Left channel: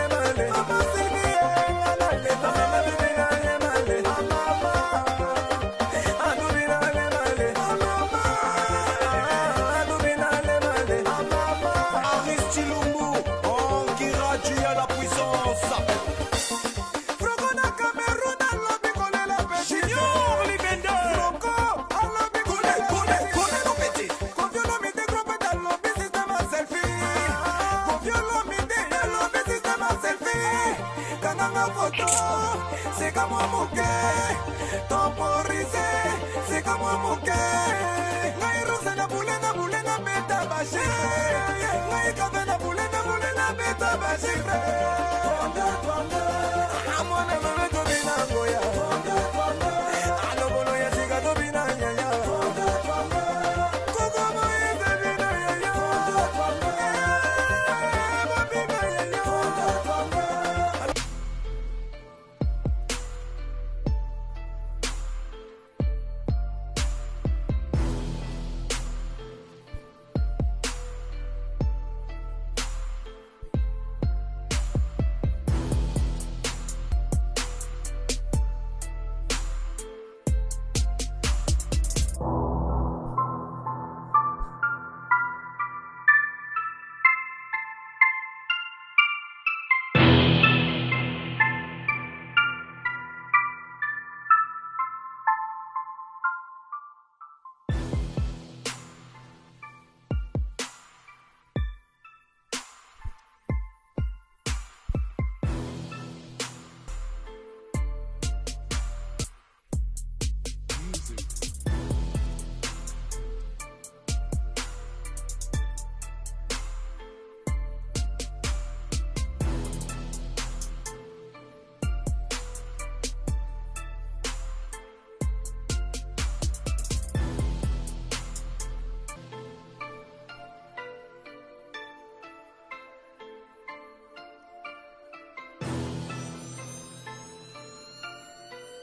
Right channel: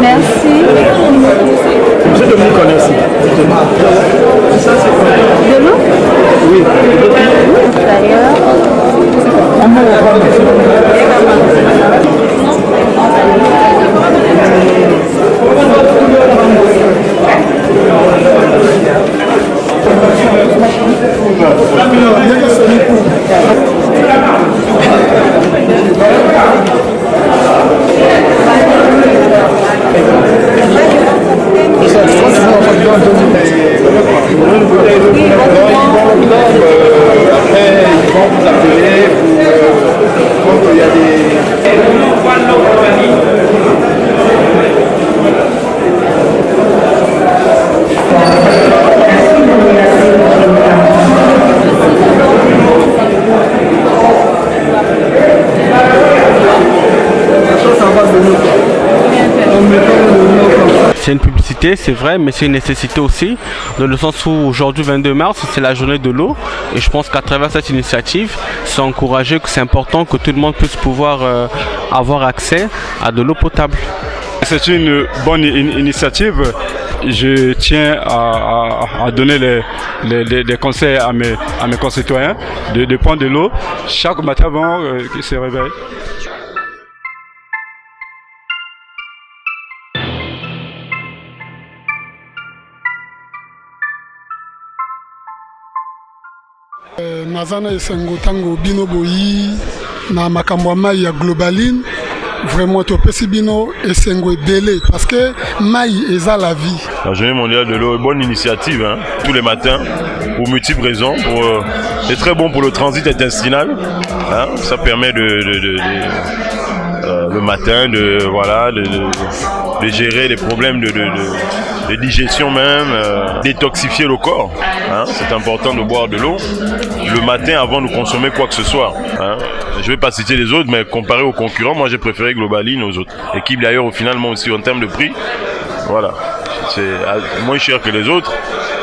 Merci. Monsieur Dominique connaissez. De l'eau? Oui. D'ailleurs. C'est une publicité, c'est vrai, mais c'est une nécessité aussi, dans le sens où aujourd'hui, 22 mars, c'est la journée de l'eau. Et je pense qu'à travers cette initiative, c'est encouragé, que c'est important que tout le monde puisse pouvoir avoir accès à de l'eau potable. C'est une bonne initiative. Je tiens à donner des conseils à mes concitoyens de prendre de l'eau chaque matin avant qu'ils se réveillent. Nazana esengo tango bino boyi na makambo mai ya globaline vraiment topesi bino esengo délai parce que mai eza la vie. La journée mondiale de l'eau, bonne initiative hein, tous les matins pour multiples raisons. C'est très bon pour le transit intestinal. Hein, ça permet le matin de gérer les problèmes de digestion même, détoxifier le corps. Hein, c'est important de boire de l'eau le matin avant de consommer quoi que ce soit. Hein. Je ne vais pas citer les autres, mais comparé aux concurrents, moi j'ai préféré Globaline aux autres équipes d'ailleurs au final, moi aussi en termes de prix. Voilà, c'est moins cher que les autres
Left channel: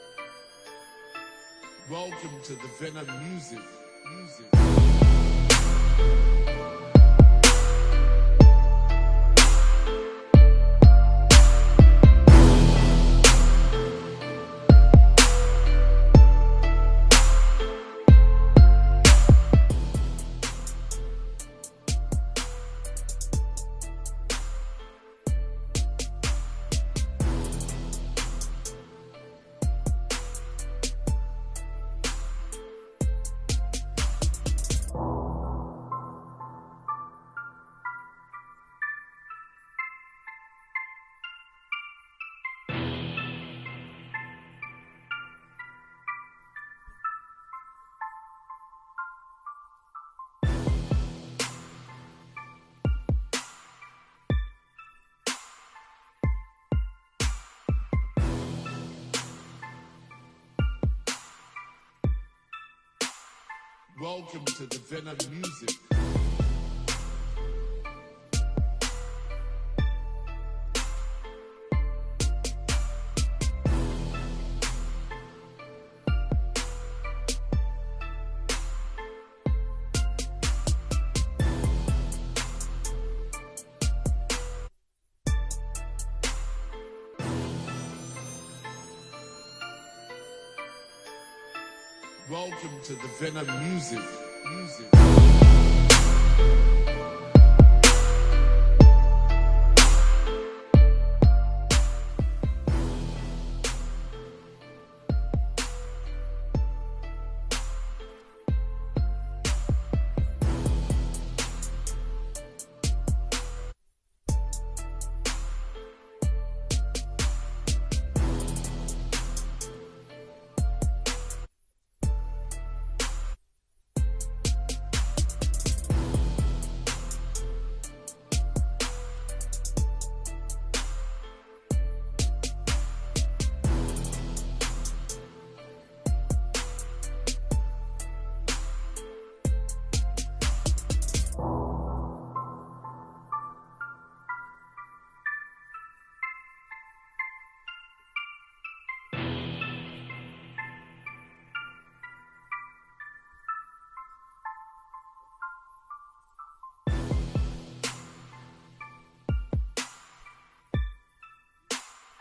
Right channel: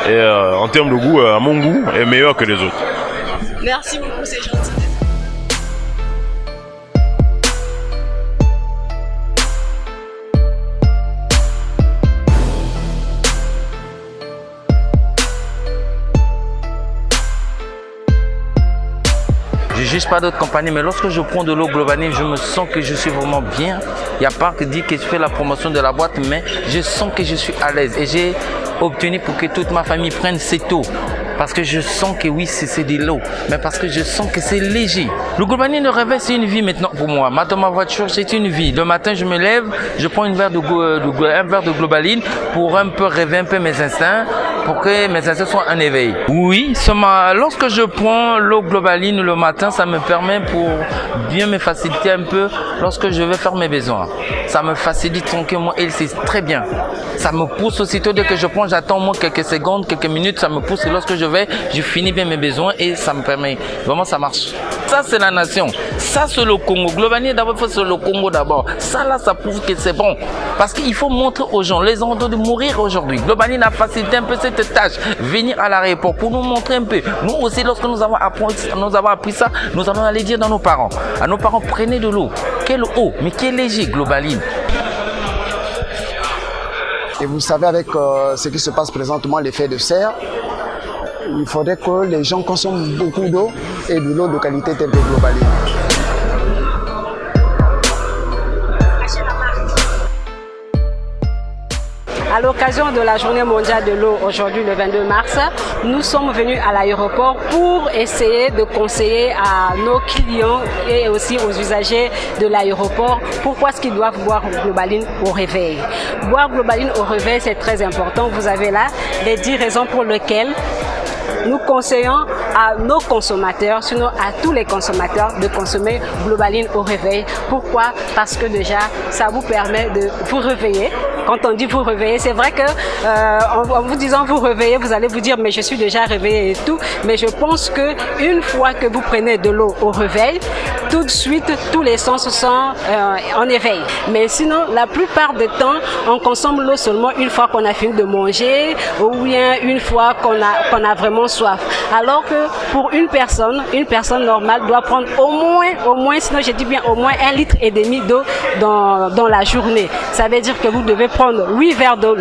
et en termes de goût, à mon goût, est meilleur que les autres. Merci beaucoup, c'est gentil. Je ne juge pas d'autres compagnies, mais lorsque je prends de l'eau Globaline, je me sens que je suis vraiment bien. Il n'y a pas que dire que je fais la promotion de la boîte, mais je sens que je suis à l'aise. Et j'ai obtenu pour que toute ma famille prenne cette eau. Parce que je sens que oui, c'est de l'eau, mais parce que je sens que c'est léger. Le Globaline, le réveil, c'est une vie maintenant pour moi. Dans ma voiture, c'est une vie. Le matin, je me lève, je prends un verre de Globaline pour un peu rêver un peu mes instincts, pour que mes instincts soient en éveil. Oui, lorsque je prends l'eau Globaline le matin, ça me permet pour bien me faciliter un peu lorsque je vais faire mes besoins. Ça me facilite tranquillement et c'est très bien. Ça me pousse aussitôt dès que je prends, j'attends moins quelques secondes, quelques minutes, ça me pousse et lorsque je finis bien mes besoins et ça me permet. Vraiment, ça marche. Ça, c'est la nation. Ça, c'est le Congo. Globalement, d'abord, il faut c'est le Congo d'abord. Ça, là, ça prouve que c'est bon. Parce qu'il faut montrer aux gens, les gens de mourir aujourd'hui. Globalement a facilité un peu cette tâche. Venir à l'aéroport pour nous montrer un peu. Nous aussi, lorsque nous avons appris ça, nous allons aller dire dans nos parents. À nos parents, prenez de l'eau. Quelle eau, mais quelle léger, Globaline. Et vous savez, avec ce qui se passe présentement, l'effet de serre, il faudrait que les gens consomment beaucoup d'eau et de l'eau de qualité telle que Globaline. À l'occasion de la journée mondiale de l'eau, aujourd'hui le 22 mars, nous sommes venus à l'aéroport pour essayer de conseiller à nos clients et aussi aux usagers de l'aéroport pourquoi est-ce qu'ils doivent boire Globaline au réveil. Boire Globaline au réveil, c'est très important. Vous avez là les 10 raisons pour lesquelles nous conseillons à nos consommateurs, sinon à tous les consommateurs, de consommer Globaline au réveil. Pourquoi? Parce que déjà, ça vous permet de vous réveiller. Quand on dit vous réveiller, c'est vrai que en vous disant vous réveiller, vous allez vous dire mais je suis déjà réveillé et tout. Mais je pense que une fois que vous prenez de l'eau au réveil, tout de suite, tous les sens sont en éveil. Mais sinon, la plupart du temps, on consomme l'eau seulement une fois qu'on a fini de manger ou bien une fois qu'on a vraiment soif. Alors que pour une personne normale doit prendre au moins, sinon je dis bien au moins 1,5 litre d'eau dans la journée. Ça veut dire que vous devez prendre 8 verres d'eau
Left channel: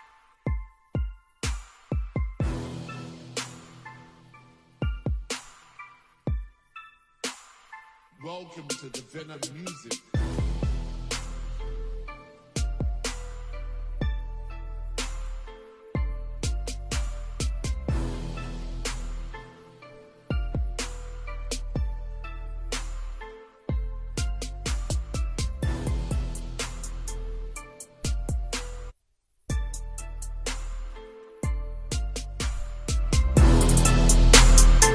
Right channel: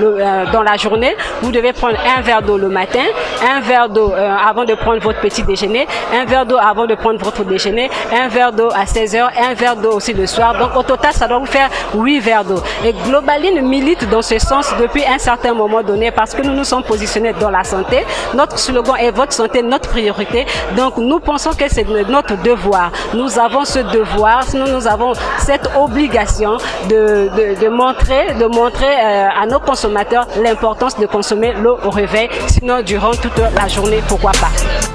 dans la journée. Vous devez prendre un verre d'eau le matin, un verre d'eau avant de prendre votre petit déjeuner, un verre d'eau avant de prendre votre déjeuner, un verre d'eau à 16h, un verre d'eau aussi le soir. Donc au total, ça doit vous faire 8 verres d'eau. Et Globaline milite dans ce sens depuis un certain moment donné parce que nous nous sommes positionnés dans la santé. Notre slogan est votre santé, notre priorité. Donc nous pensons que c'est notre devoir. Nous avons ce devoir, sinon nous avons cette obligation de montrer à nos consommateurs l'importance de consommer l'eau au réveil, sinon durant toute la journée, pourquoi pas.